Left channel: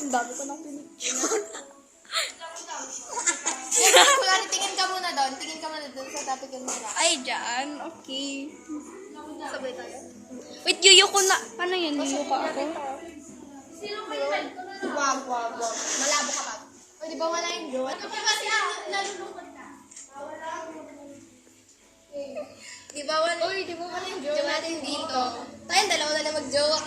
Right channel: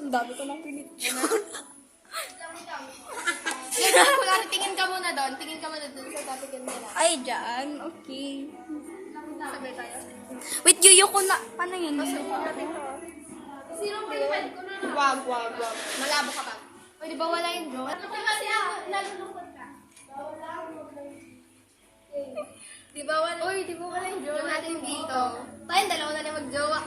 Ang dami ko nang pinicture. Kulari, tingin ka muna doon. Tingin ka muna doon sa topic yung nila. Ay, dyan. Okay. Sabay tayo. Wait, yuyo ko na. Paano yan? Yuyo ka ako? Wag. Malabo ka pa. O, di ba wala yung jowa? Kasi nalulungkot ka. Di ba wala? Uy, di ba wala yung jowa natin dito? Tayong dalawa na lang mag-jowa.